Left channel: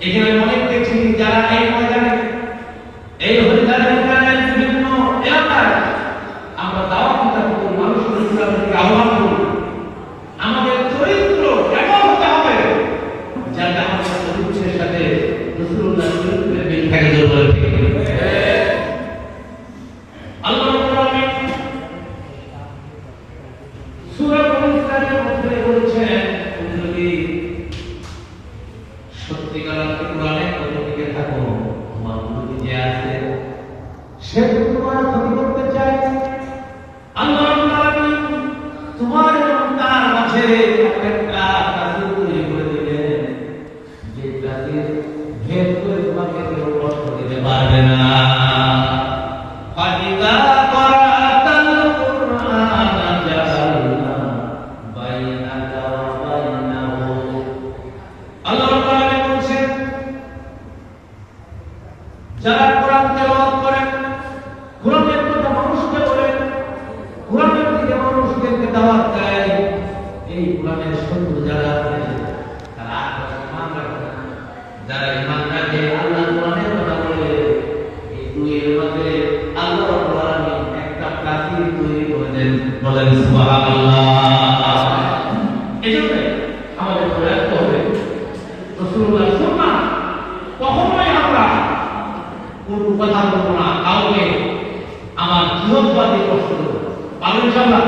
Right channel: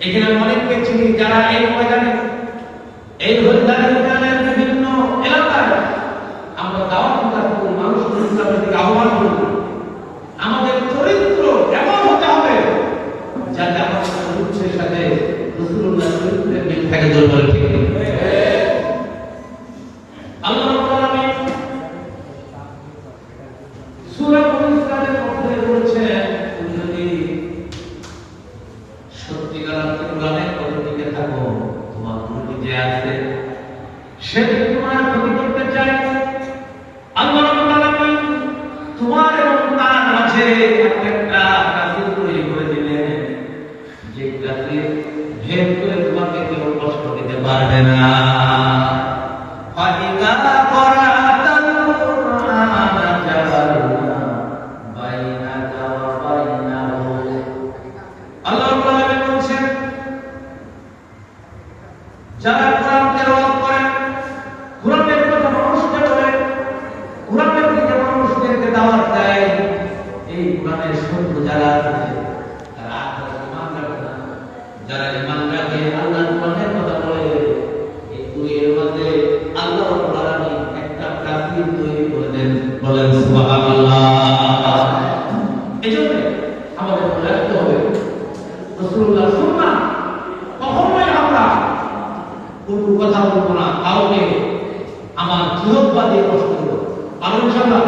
এখানে অনেক দেখছি যারা এই ময়দানে এই হরিদারের সে তোমার ক্ষতি করতে চায়। আল্লাহ তোমার এবং তার মাঝে একটা কাসির তৈরি করে দিলেন যে কাসির ভেদ করে তোমাকে কেউ কষ্ট দিতে পারবে না। ফাতিকা যারা ঈমান রাখে, আল্লাহ কোরআনের কথা বলে এই দুইয়ের মধ্যে আল্লাহ রাব্বুল একটা কাফির তৈরি করে দেন, বলেন সুবহানাল্লাহ। কথা বলব না, কাউকে আমার দিয়ে কষ্ট করব পারেন ইনশাআল্লাহ।